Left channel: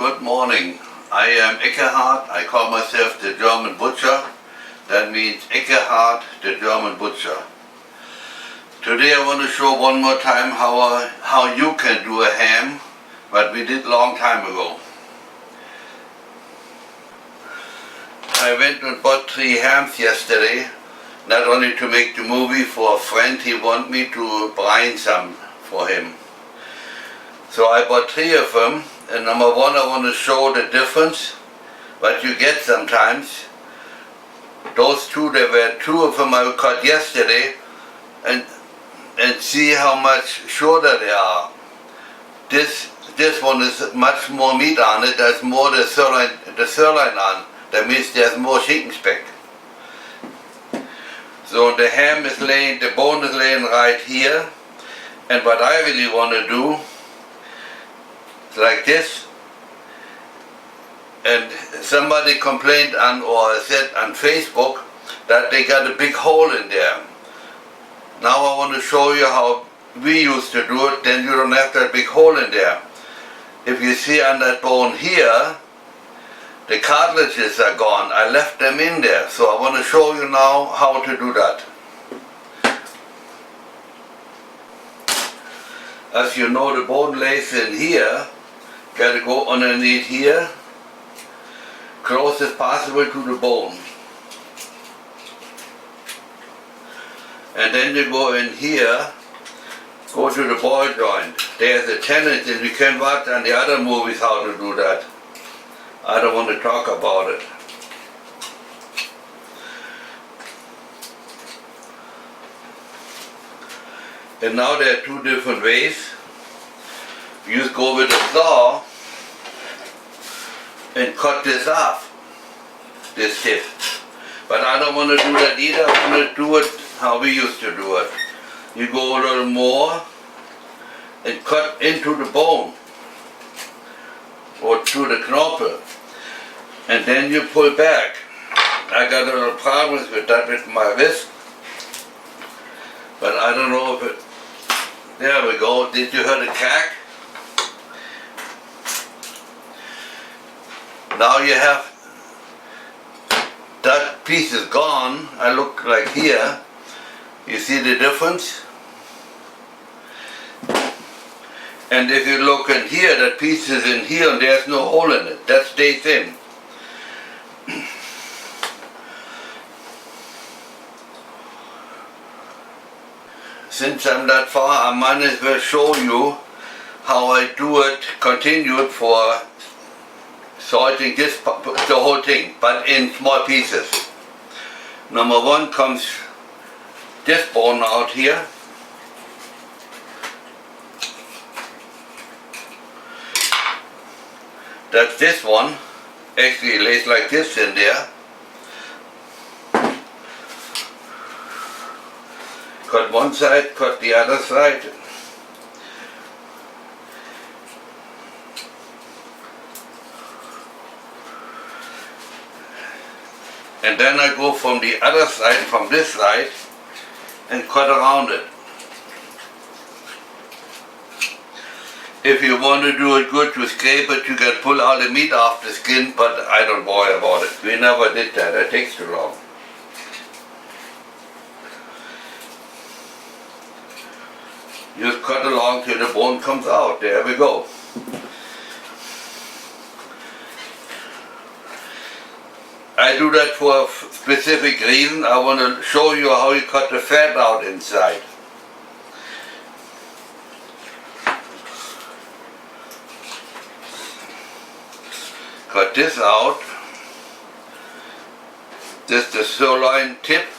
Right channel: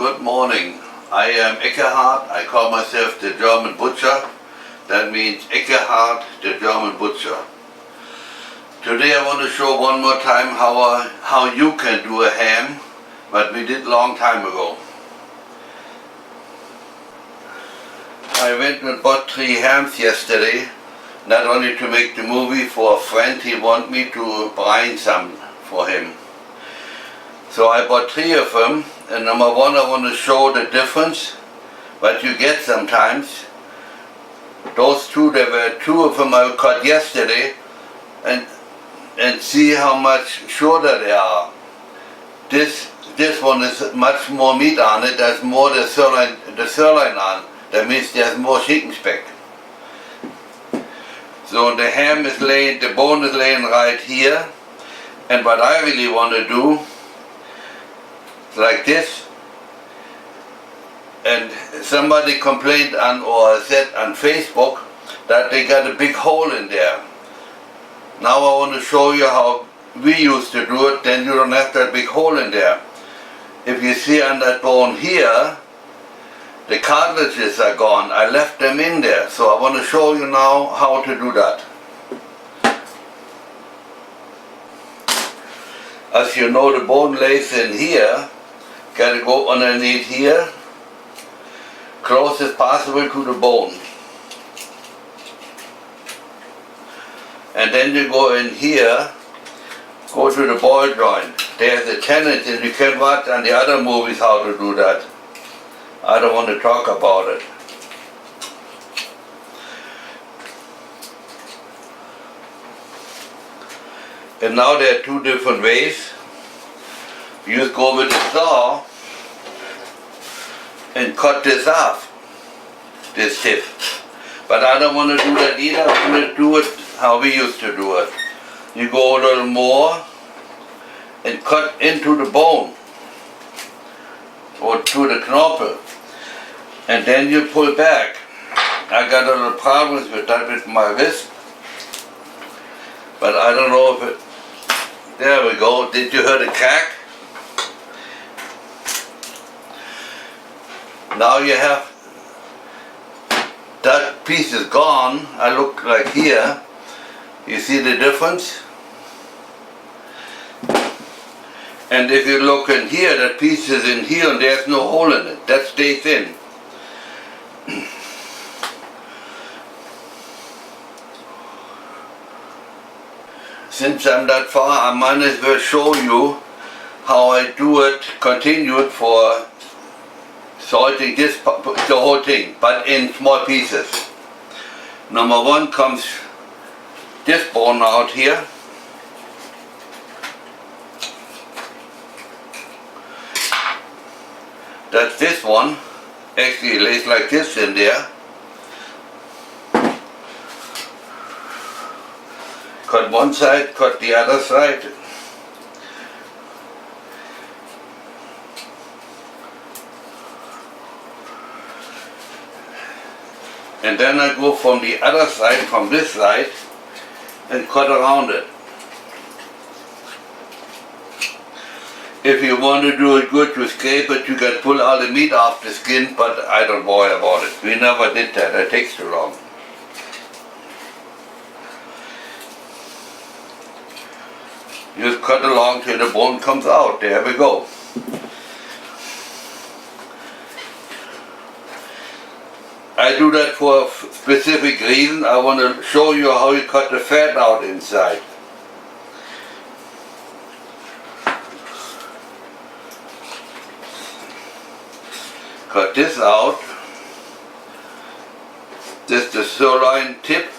Good morning. I am Eckehard. I call myself the German butcher. That means Eckehard, the German butcher. Today I want to show one more time how you can do a ham, but we did long time ago. I went and bought 3 hams yesterday, not only to make the movie for a friend. He wanted me to brine some for him. So I bought 3 of them, and number 1 I want to show the difference, what you get sometimes. Those 2, there were 2 of them I cut yesterday, and see how much shorter they are. This one is much more meat on it. There's more the sirloin on. That means there's more chicken speck. So the ham is laying, the bone is laying right here, and what I really want to do like this. And somebody complained on or said on Facebook that they got a big hole in there. Now I want to show you how we used to do it, then you don't have that big hole in there. If you see on that bone here, the cartilages are gone. I left them in there, so I want to show you now how to do that. As you know, the bone lays in here. Got to go underneath here, close as possible to the bone. And then you go in here, go to the ball joint. There's a tendon, and you can watch on the other movies how to do that. I don't want to talk about it. And now there are 2 different ways. You just go with a saw and cut this off, this tip. But I don't want to do that either. I want to do it how we used to do it. You go a little more and cut into the bone or to the knorpel, and then you pull back. I got a little problems with that with my wrist, but I don't know if it, there we go. Did you hear the crack? Now you have, that piece is gone. I look like here. You see the difference? And if you look in here, that piece is in here and there's no hole in it. That stays in. Since I'm that far, I might as well show you how I do it, continue it for salting this, the whole thing, but in small pieces. Number 1 comes this bone out here. That's this one. Actually it lays like this in there. Cut one side, cut the other side. And then I go from the other side, from this side, and cut around it. If you want to do it good, you scrape it, you can pull all the meat off the skin, but I don't worry about it. We never did that, it takes too long. Just cut along till the bone comes out, there we go. I do that for a specific reason. I want to show you how you cut the fat out inside. Cut this out. This is the sirloin tip.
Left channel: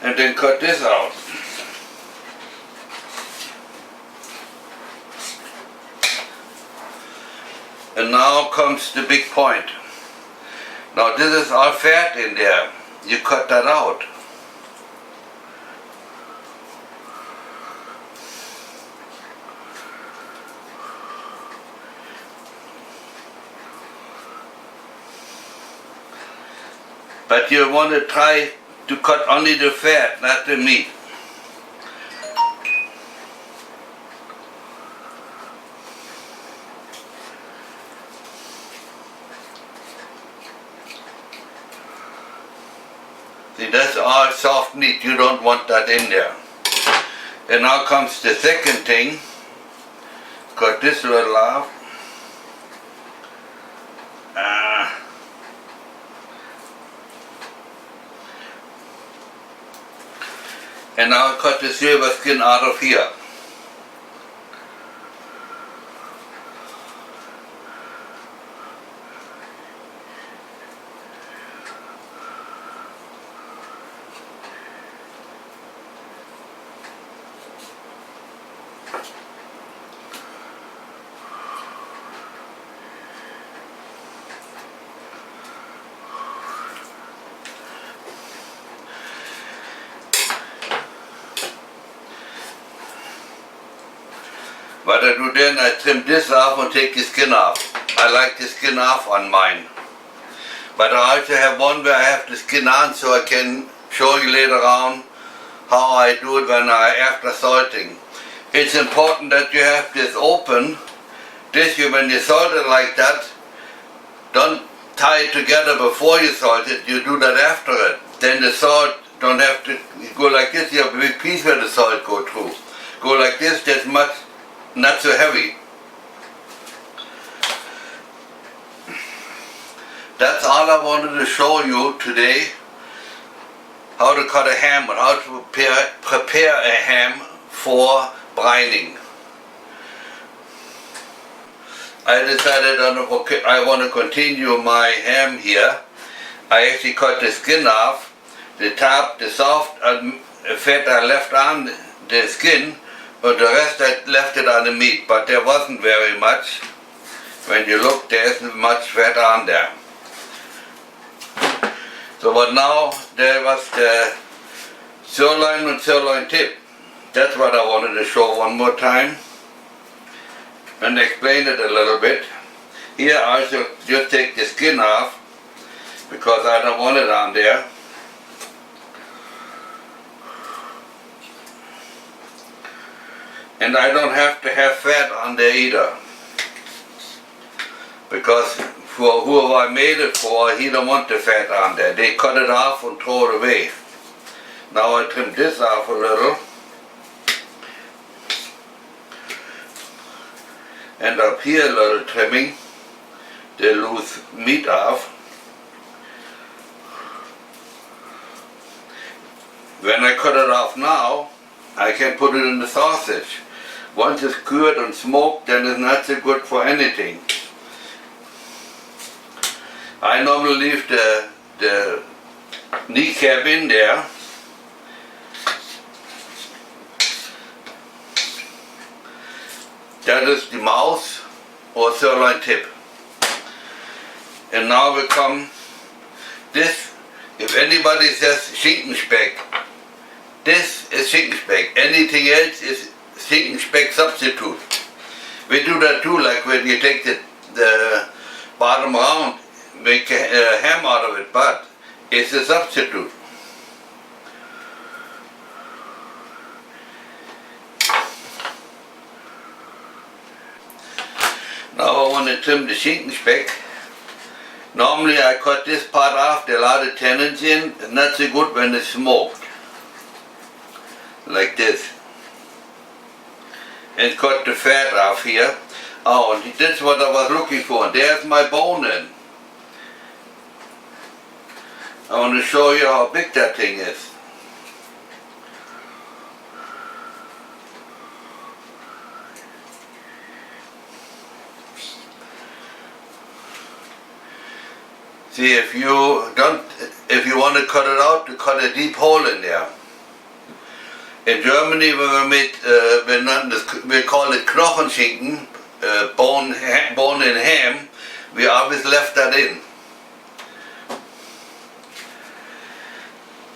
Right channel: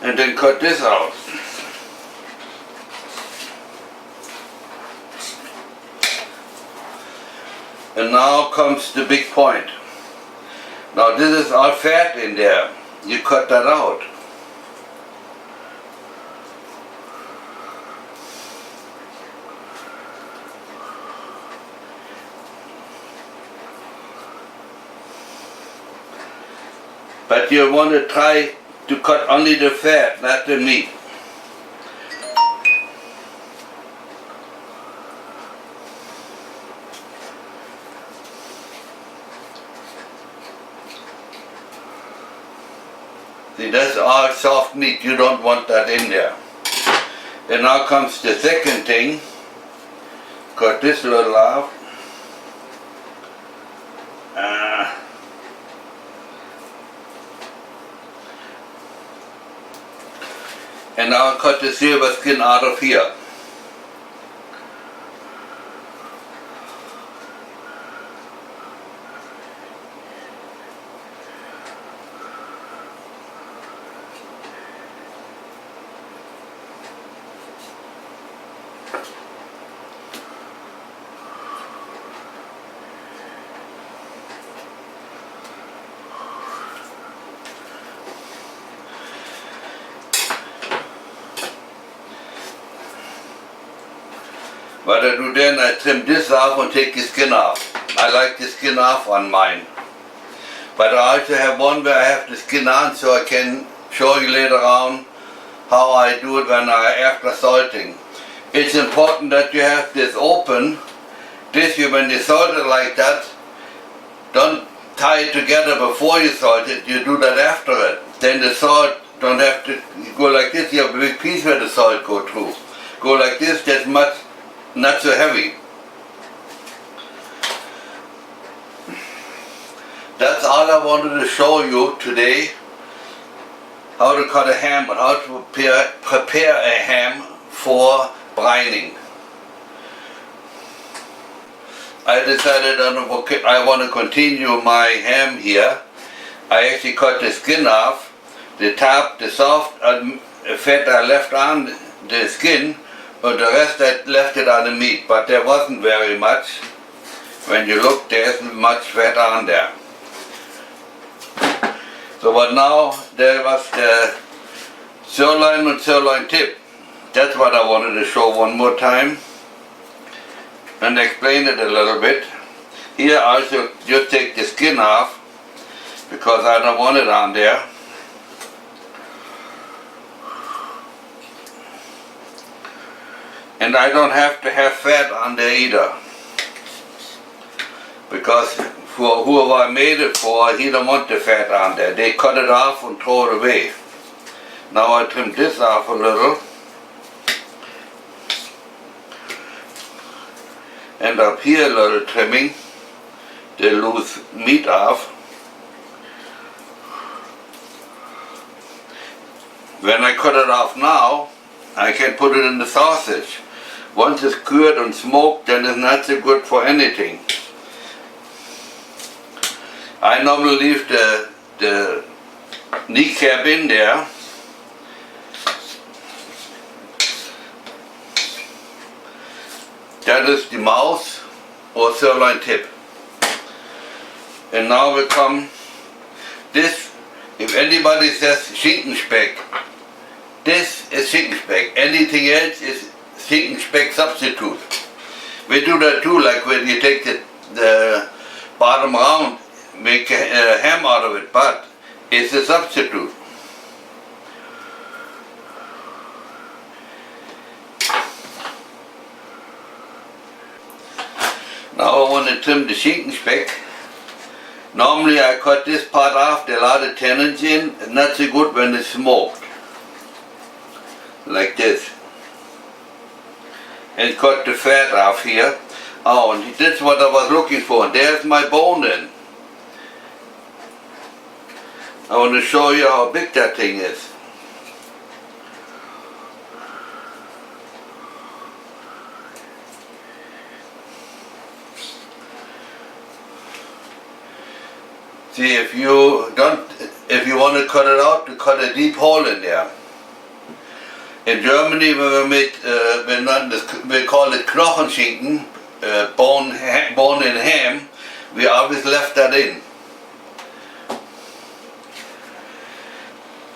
And then cut this out. And now comes the big point. Now this is all fat in there. You cut that out. But you want to try to cut only the fat, not the meat. See, that's all soft meat. You don't want that in there. And now comes the second thing. Cut this little off. And now I cut the silver skin out of here. What I do then, I trim this off and take the skin off. I like the skin off on mine. But I also have one where I have the skin on, so I can show you later on how I do it after salting. It's important that you have this open. When you salt it like that, don't tie it together before you salt it, you do that after it. Then the salt don't have to go like this. You have a big piece where the salt go through. Go like this, that's much not so heavy. That's all I wanted to show you today. How to cut a ham and how to prepare a ham for brining. I decided I want to continue my ham here. I actually cut the skin off. The top, the soft fat I left on the skin, but the rest I left it on the meat, but there wasn't very much. When you look, there isn't much fat on there. So but now there was the sirloin and sirloin tip. That's what I wanted to show one more time and explain it a little bit. Here I also just take the skin off because I don't want it on there. And I don't have to have fat on there either, because for whoever I made it for, he don't want the fat on there. They cut it off and throw it away. Now I trim this off a little, and up here a little trimming, the loose meat off. When I cut it off now, I can put it in the sausage. Once it's cured and smoked, then it's not so good for anything. I normally leave the kneecap in there. That is the mouse or sirloin tip. And now we come this. If anybody says Schinkenspeck, this is Schinkenspeck. Anything else is Schinkenspeck substitute. We do that too, like when you take the bottom round, make a ham out of it, but it's a substitute. Now I want to trim the Schinkenspeck. Normally I cut this part off, there are a lot of tendons in. It's not so good when it's smoked. Like this. And cut the fat off here. Oh, and that's what I was looking for. There's my bone in. I want to show you how big that thing is. See, if you want to cut it out, to cut a deep hole in there. In Germany, when we made, we call it Knochenschinken, bone in ham. We always left that in.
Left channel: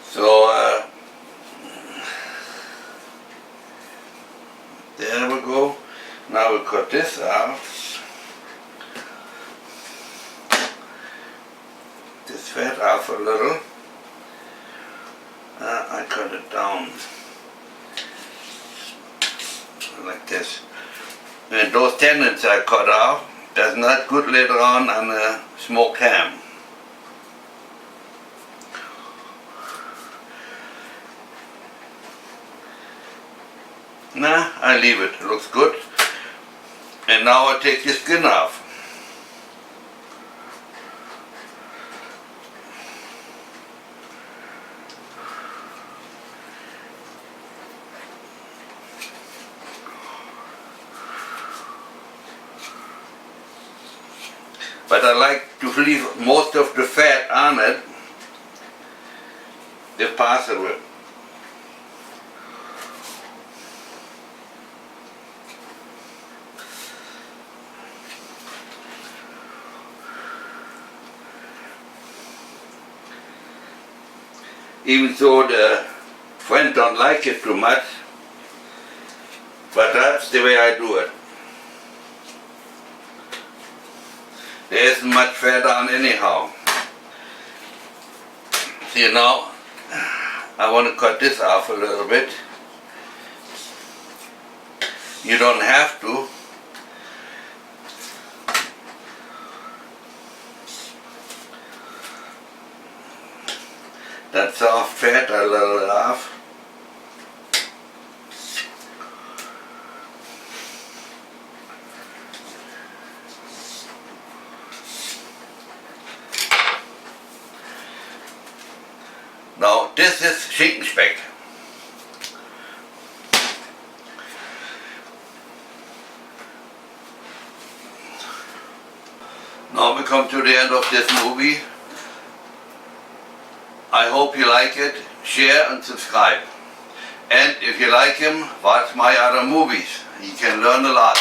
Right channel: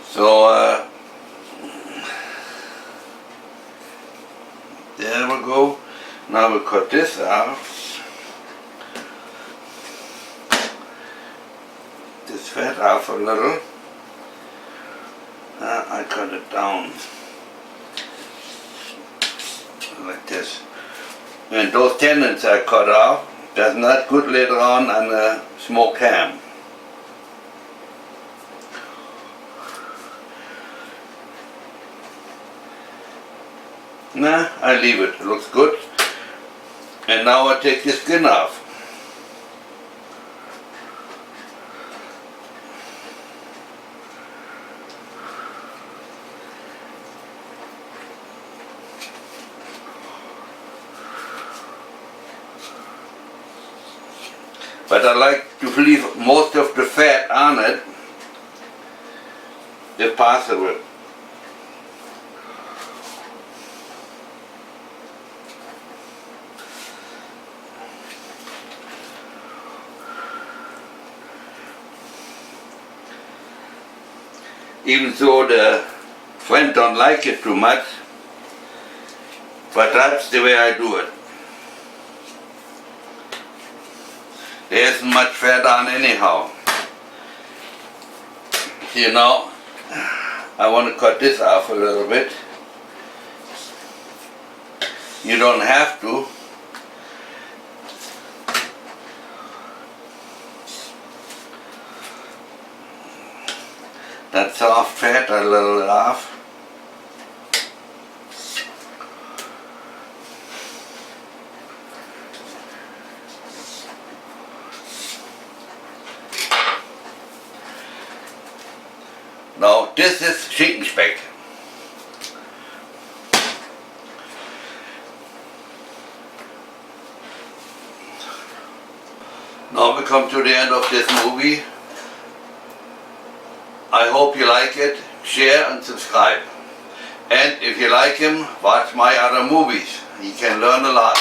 So there we go. Now we cut this out. This fat off a little. I cut it down like this. And those tendons I cut off, that's not good later on a smoked ham. Nah, I leave it. It looks good. And now I take the skin off. But I like to leave most of the fat on it, if possible. Even though the friend don't like it too much, but that's the way I do it. There isn't much fat on anyhow. You know, I want to cut this off a little bit. You don't have to. That soft fat, I level it off. Now this is Schinkenspeck. Now we come to the end of this movie. I hope you like it, share and subscribe. And if you like him, watch my other movies. You can learn a lot.